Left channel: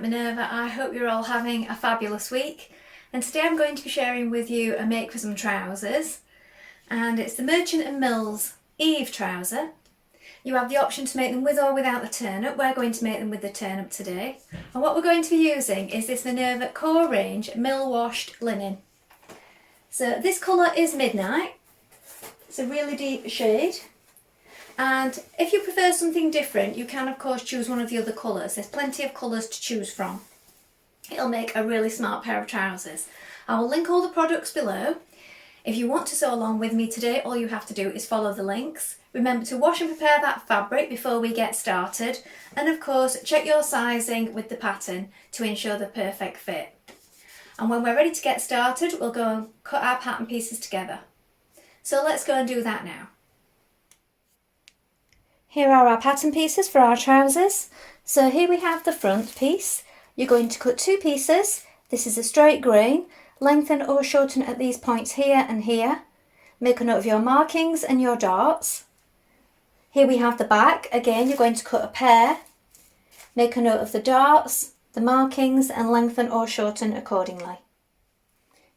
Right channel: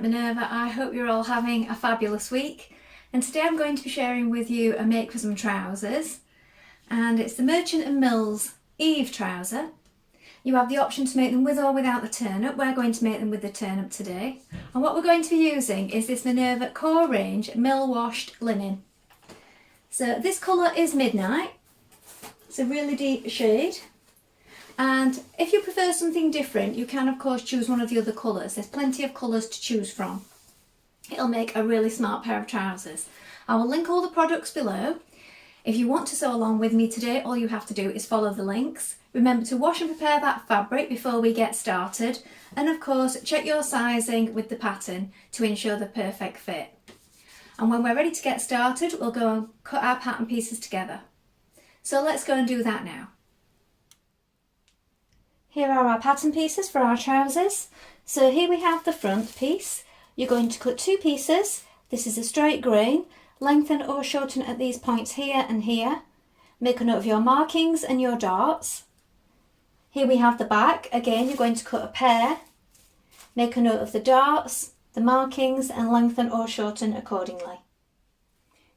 at Minerva. I hope you're all having a fabulous week, and today I'm going to be sharing with you a make for some trousers, and it's the Merchant & Mills Eve trouser. You have the option to make them with or without the turn-up. We're going to make them with the turn-up today, and what we're going to be using is this Minerva Core Range mill washed linen. So this colour is Midnight. It's a really deep shade. And if you prefer something different, you can of course choose one of the other colours. There's plenty of colours to choose from. It'll make a really smart pair of trousers. I will link all the products below. If you want to sew along with me today, all you have to do is follow the links. Remember to wash and prepare that fabric before we get started. And of course, check your sizing with the pattern to ensure the perfect fit. And when we're ready to get started, we'll go and cut our pattern pieces together. So let's go and do that now. Here are our pattern pieces for our trousers. So here we have the front piece. You're going to cut two pieces. This is a straight grain. Lengthen or shorten at these points here and here. Make a note of your markings and your darts. Here we have the back. Again, you're going to cut a pair. Make a note of the darts, the markings, and lengthen or shorten accordingly.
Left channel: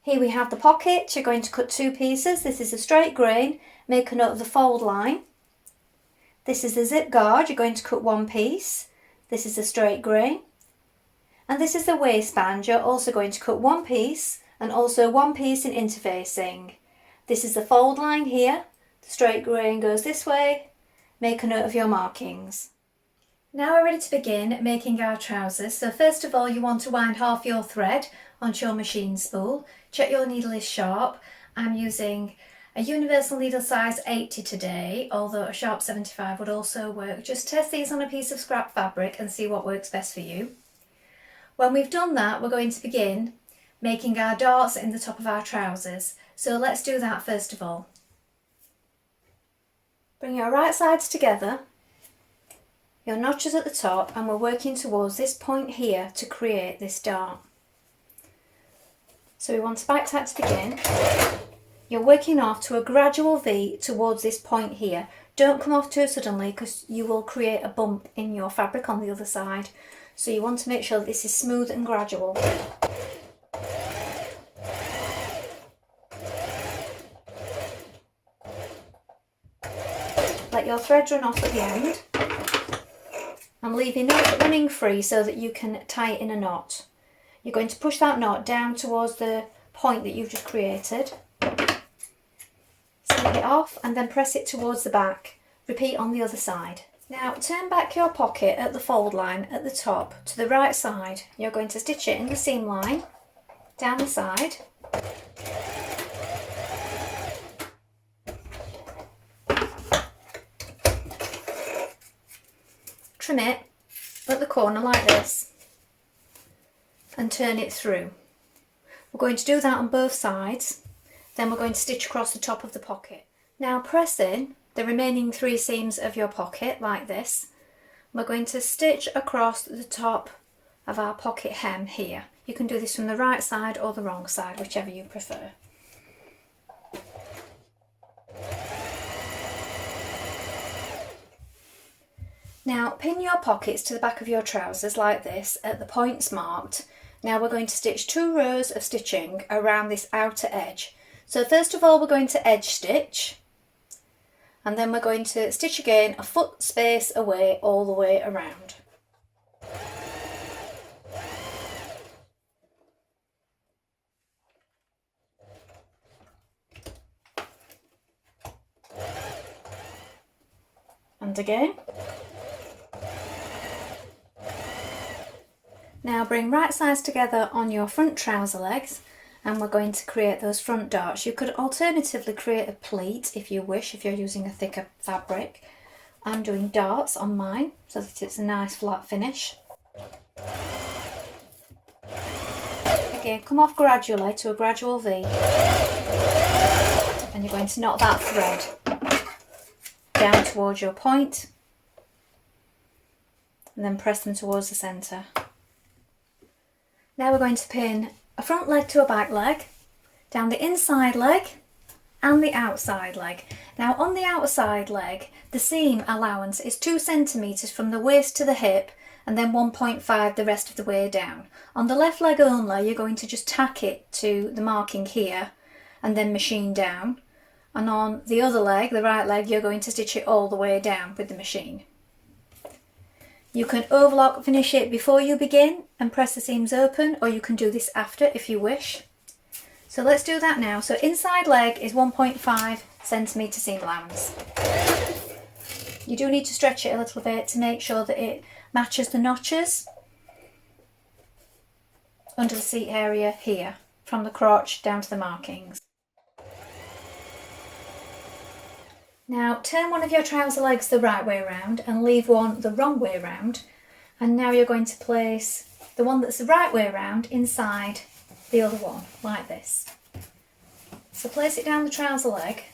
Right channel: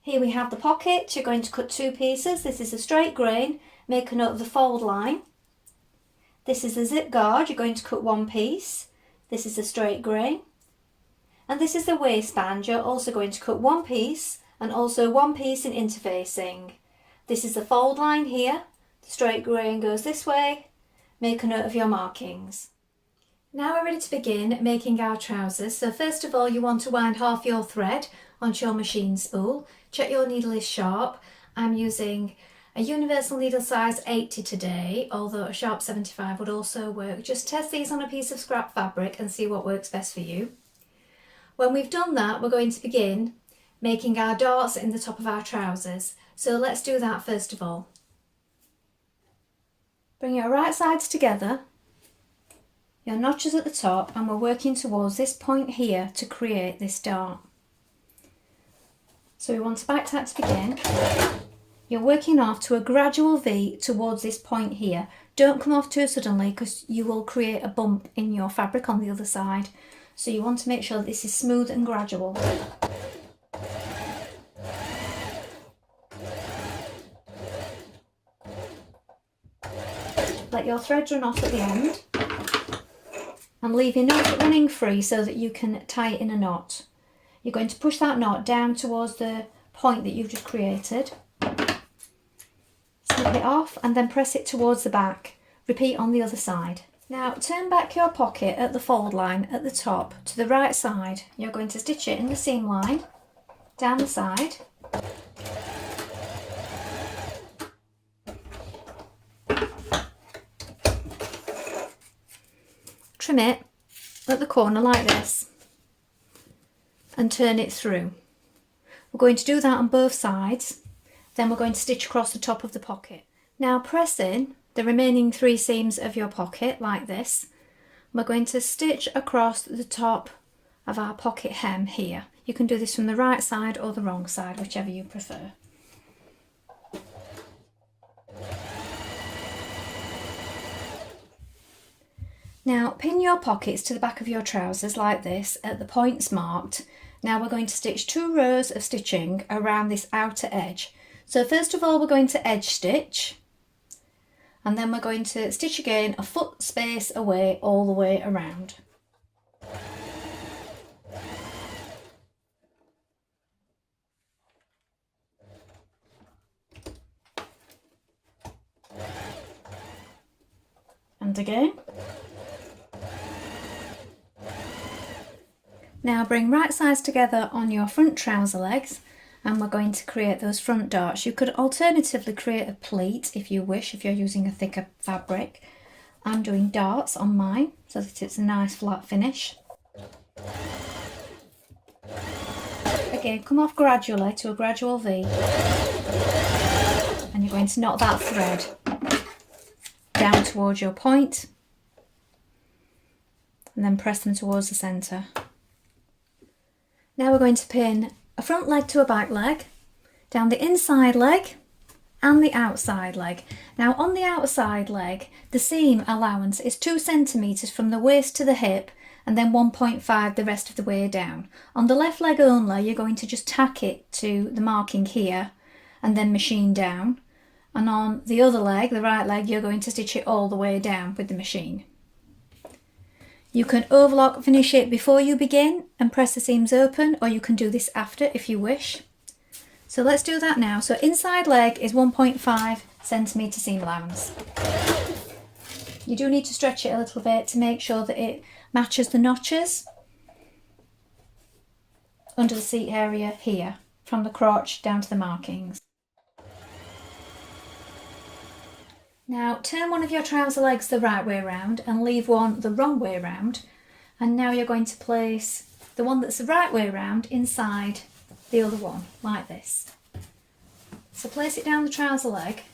Here we have the pocket. You're going to cut two pieces. This is a straight grain. Make a note of the fold line. This is the zip guard. You're going to cut one piece. This is a straight grain. And this is the waistband. You're also going to cut one piece and also one piece in interfacing. This is the fold line here. The straight grain goes this way. Make a note of your markings. Now we're ready to begin making our trousers. So first of all, you want to wind half your thread onto your machine spool. Check your needle is sharp. I'm using a universal needle size 80 today, although a sharp 75 would also work. Just test these on a piece of scrap fabric and see what works best for you. When we've done that, we're going to begin making our darts in the top of our trousers. So let's do that first of all. Bring your right sides together, your notches at the top, and we're working towards this point here to create this dart. So we want to back that to begin. You're working off to a gradual V towards this point here. Don't come off too suddenly because you will create a bump in your fabric on the other side. So you want to make sure that this is smooth and gradual. Let your thread run off at the end and leave enough running free so that you can tie it in a knot. You're going to push that knot down towards the point that you've just created. Snip it off and then press it towards the back. Repeat on the other side. Now turn back your pocket at the fold line at the top to the right side. You're going to stitch it in the seam line down the side. Trim it at the corner like this and turn it through. We're going to do that on both sides. Then we're going to stitch across the top of the pocket. Now press in the remaining three seams of your pocket like this. We're going to stitch across the top of our pocket hem here. You can do this from the right side or the wrong side, whichever you prefer. Now pin your pockets to the back of your trousers like this at the points marked. Now we're going to stitch 2 rows of stitching around this outer edge. So first of all, we're going to edge stitch, and then we're going to stitch again a foot space away all the way around. And again. Now bring right sides together on your front trouser legs, and we're going to create those front darts. You could alternatively create a pleat if you wish, if you're using a thicker fabric. I'm doing darts on mine so that it's a nice flat finish. Again, come off gradually to a gradual V, and you're going to knot that thread down towards your point and then press them towards the centre. Now we're going to pin a front leg to a back leg, down the inside leg and the outside leg. Now on the outside leg, the seam allowance is 2 centimetres from the waist to the hip and then 1.5 the rest of the way down. On the left leg only, you're going to just tack it to the marking here and then machine down. And on the other leg, the right leg, you're going to stitch it all the way down with the machine. You can overlock finish it before you begin and press the seams open, or you can do this after if you wish. So let's do that now. So inside leg is 1.5 centimetre seam allowance. You do need to stretch it a little bit to make sure that it matches the notches under the seat area here, from the crotch down to the markings. Now turn one of your trouser legs the right way around and leave one the wrong way around, and now you're going to place the one that's the right way around inside the other one, like this. So place it down the trouser leg,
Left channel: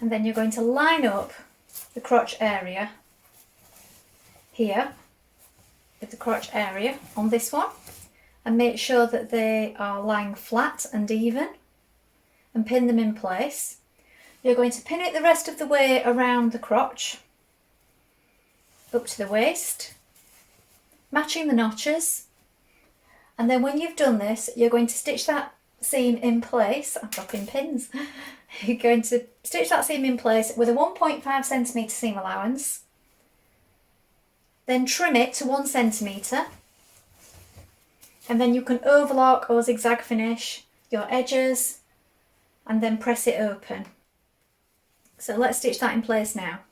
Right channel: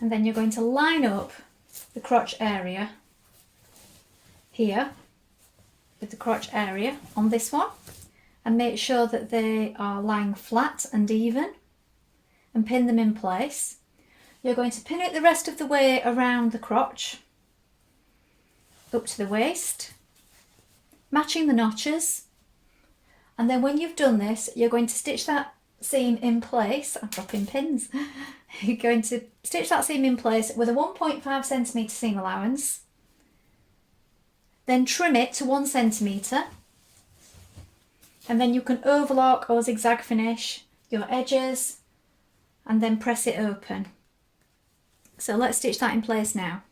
and then you're going to line up the crotch area here with the crotch area on this one, and make sure that they are lying flat and even, and pin them in place. You're going to pin it the rest of the way around the crotch up to the waist, matching the notches, and then when you've done this, you're going to stitch that seam in place. I'm dropping pins. You're going to stitch that seam in place with a 1.5 centimetre seam allowance, then trim it to 1 centimetre, and then you can overlock or zigzag finish your edges and then press it open. So let's stitch that in place now.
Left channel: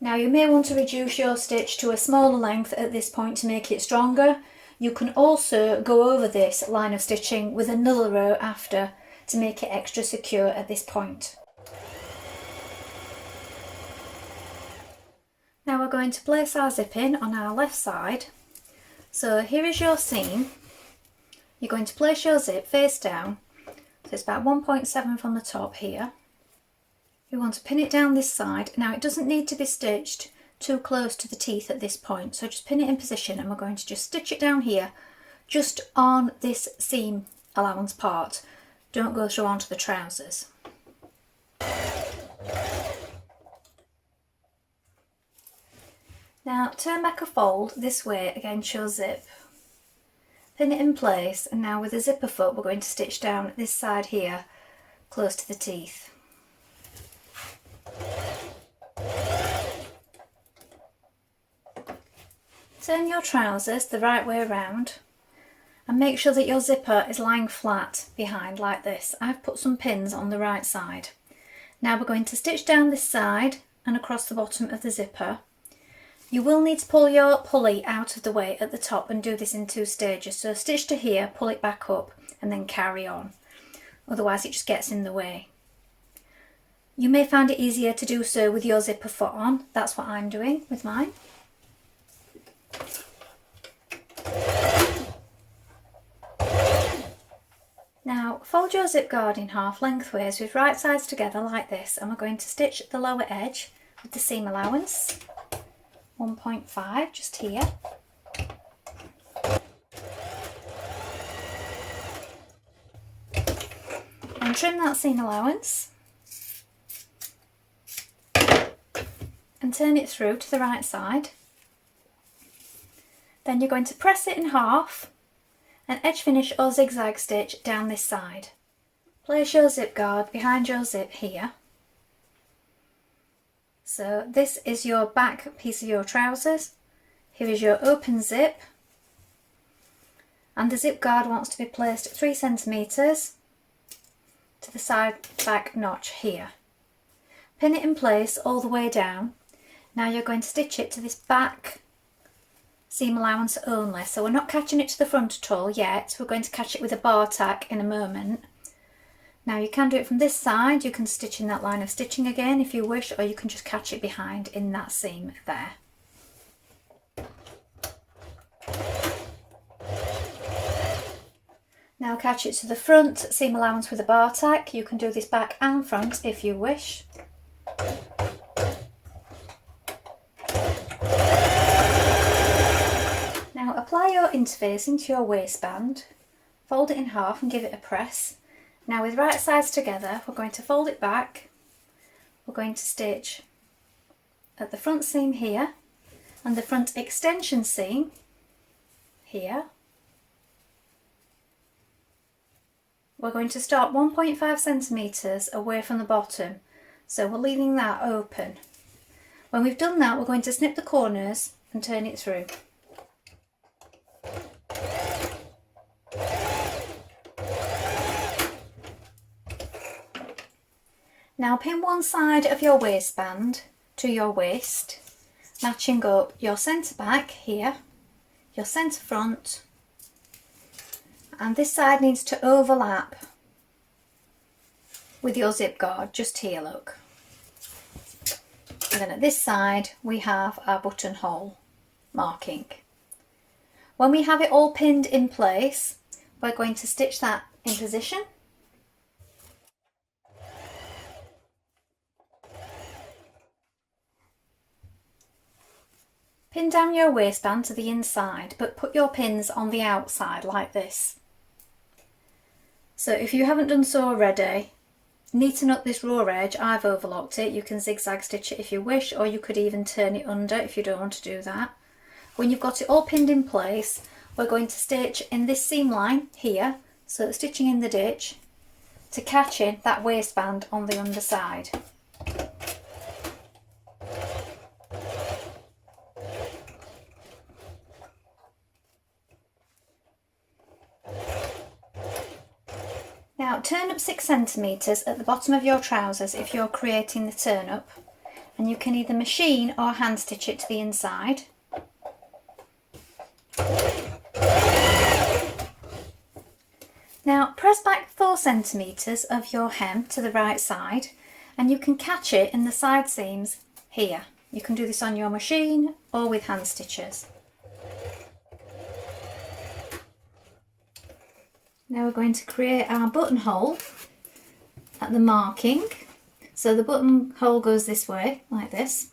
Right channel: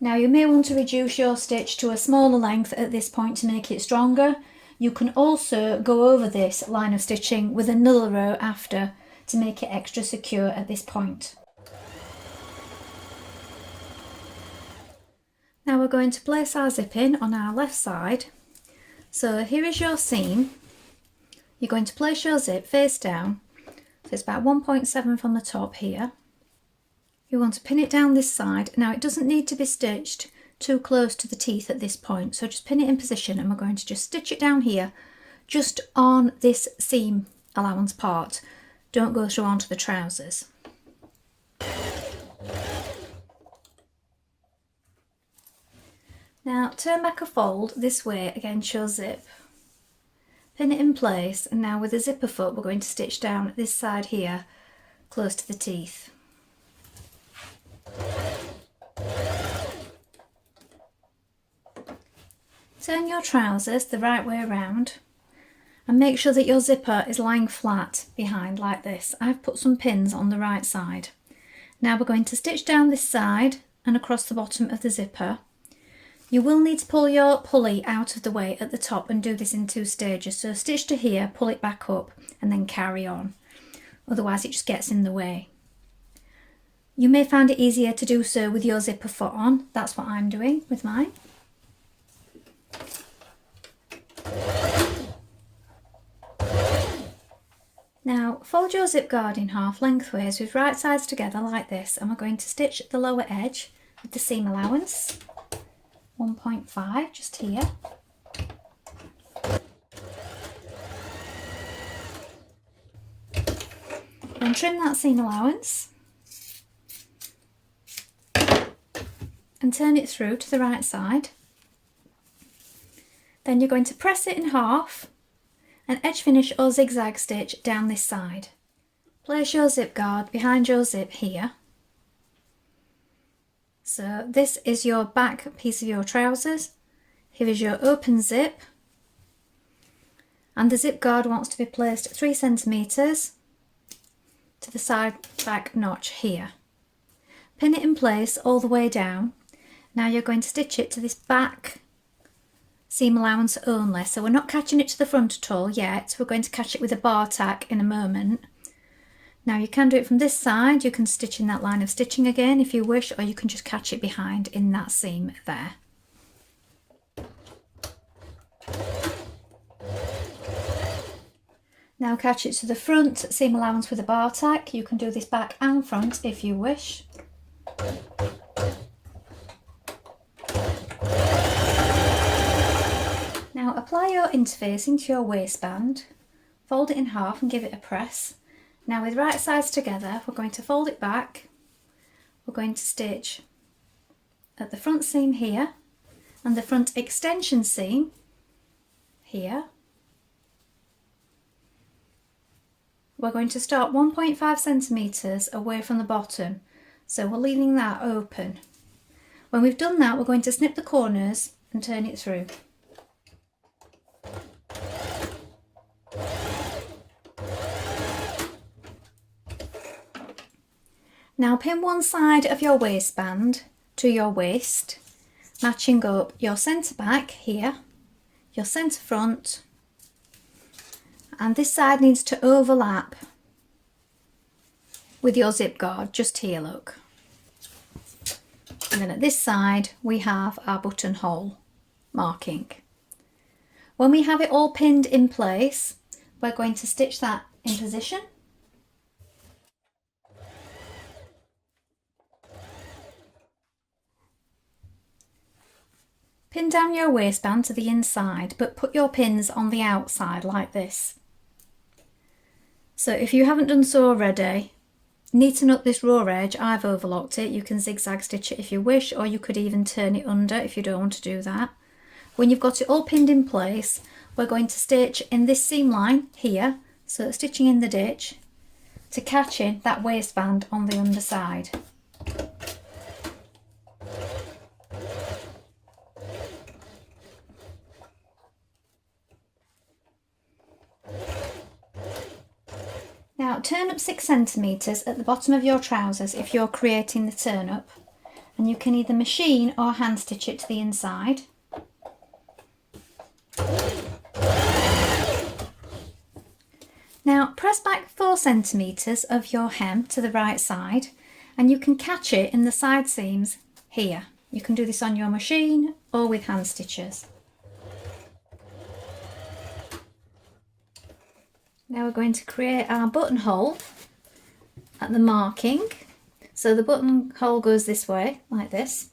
Now you may want to reduce your stitch to a smaller length at this point to make it stronger. You can also go over this line of stitching with another row after to make it extra secure at this point. Now we're going to place our zip in on our left side. So here is your seam. You're going to place your zip face down. So it's about 1.7 from the top here. You want to pin it down this side. Now it doesn't need to be stitched too close to the teeth at this point, so just pin it in position, and we're going to just stitch it down here, just on this seam allowance part. Don't go through onto the trousers. Now turn back a fold this way against your zip. Pin it in place, and now with the zipper foot we're going to stitch down this side here, close to the teeth. Turn your trousers the right way around and make sure that your zipper is lying flat behind like this. I've put some pins on the right side. Now we're going to stitch down this side and across the bottom of the zipper. You will need to pull your pulley out of the way at the top and do this in 2 stages. So stitch to here, pull it back up and then carry on. Otherwise it just gets in the way. You may find it easier to do so with your zipper foot on. That's what I'm doing with mine. Now fold your zip guard in half lengthways with right sides together like this, and we're going to stitch the lower edge with the seam allowance, 1.5 just here. And trim that seam allowance and turn it through to the right side. Then you're going to press it in half and edge finish or zigzag stitch down this side. Place your zip guard behind your zip here. So this is your back piece of your trousers. Here is your open zip, and the zip guard wants to be placed 3 centimetres to the side back notch here. Pin it in place all the way down. Now you're going to stitch it to this back seam allowance only, so we're not catching it to the front at all yet. We're going to catch it with a bar tack in a moment. Now you can do it from this side, you can stitch in that line of stitching again if you wish, or you can just catch it behind in that seam there. Now catch it to the front seam allowance with a bar tack. You can do this back and front if you wish. Now apply your interfacing to your waistband, fold it in half and give it a press. Now with right sides together, we're going to fold it back. We're going to stitch at the front seam here, and the front extension seam here, we're going to start 1.5 centimetres away from the bottom, so we're leaving that open. When we've done that, we're going to snip the corners and turn it through. Now pin one side of your waistband to your waist, matching up your centre back here, your centre front, and this side needs to overlap with your zip guard, just here, look. And then at this side we have our buttonhole marking. When we have it all pinned in place, we're going to stitch that in position. Pin down your waistband to the inside, but put your pins on the outside like this. So if you haven't done so already, neaten up this raw edge. I've overlocked it. You can zigzag stitch it if you wish, or you could even turn it under if you don't want to do that. When you've got it all pinned in place, we're going to stitch in this seam line here, so stitching in the ditch to catch in that waistband on the underside. Now turn up 6 centimetres at the bottom of your trousers if you're creating the turn up, and you can either machine or hand stitch it to the inside. Now press back 4 centimetres of your hem to the right side, and you can catch it in the side seams here. You can do this on your machine or with hand stitches. Now we're going to create our buttonhole at the marking. So the buttonhole goes this way, like this.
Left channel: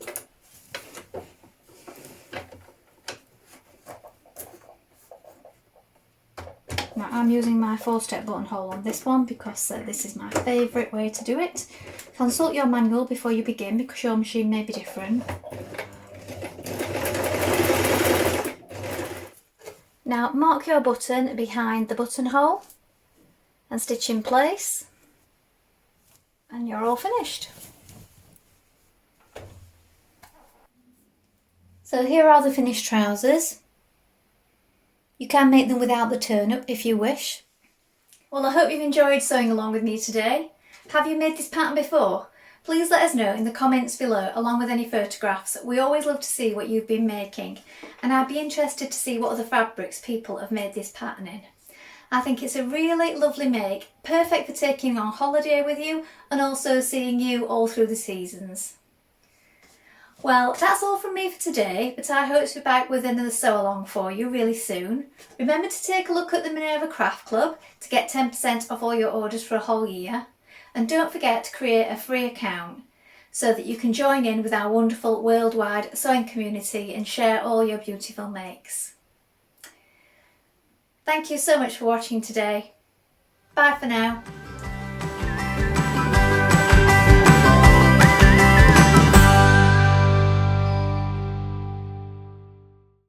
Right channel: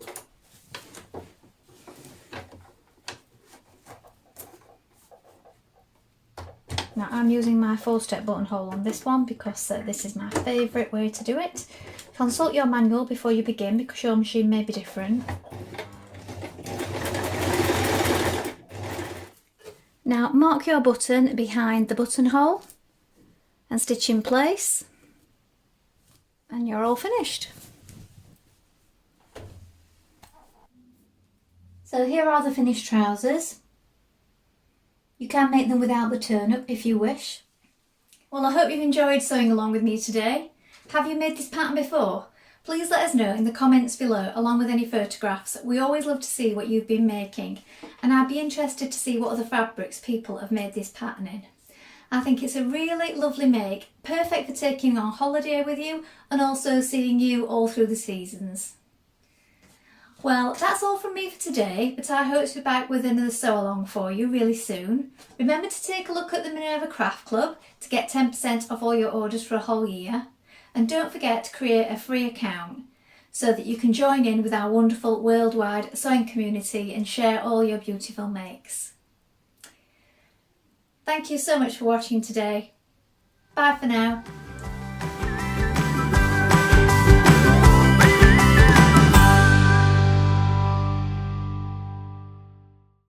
Now I'm using my 4-step buttonhole on this one because this is my favourite way to do it. Consult your manual before you begin because your machine may be different. Now mark your button behind the buttonhole and stitch in place, and you're all finished. So here are the finished trousers. You can make them without the turn up if you wish. Well, I hope you've enjoyed sewing along with me today. Have you made this pattern before? Please let us know in the comments below, along with any photographs. We always love to see what you've been making, and I'd be interested to see what other fabrics people have made this pattern in. I think it's a really lovely make, perfect for taking on holiday with you and also seeing you all through the seasons. Well, that's all from me for today, but I hope to be back with another sew along for you really soon. Remember to take a look at the Minerva Craft Club to get 10% off all your orders for a whole year. And don't forget to create a free account so that you can join in with our wonderful worldwide sewing community and share all your beautiful makes. Thank you so much for watching today. Bye for now.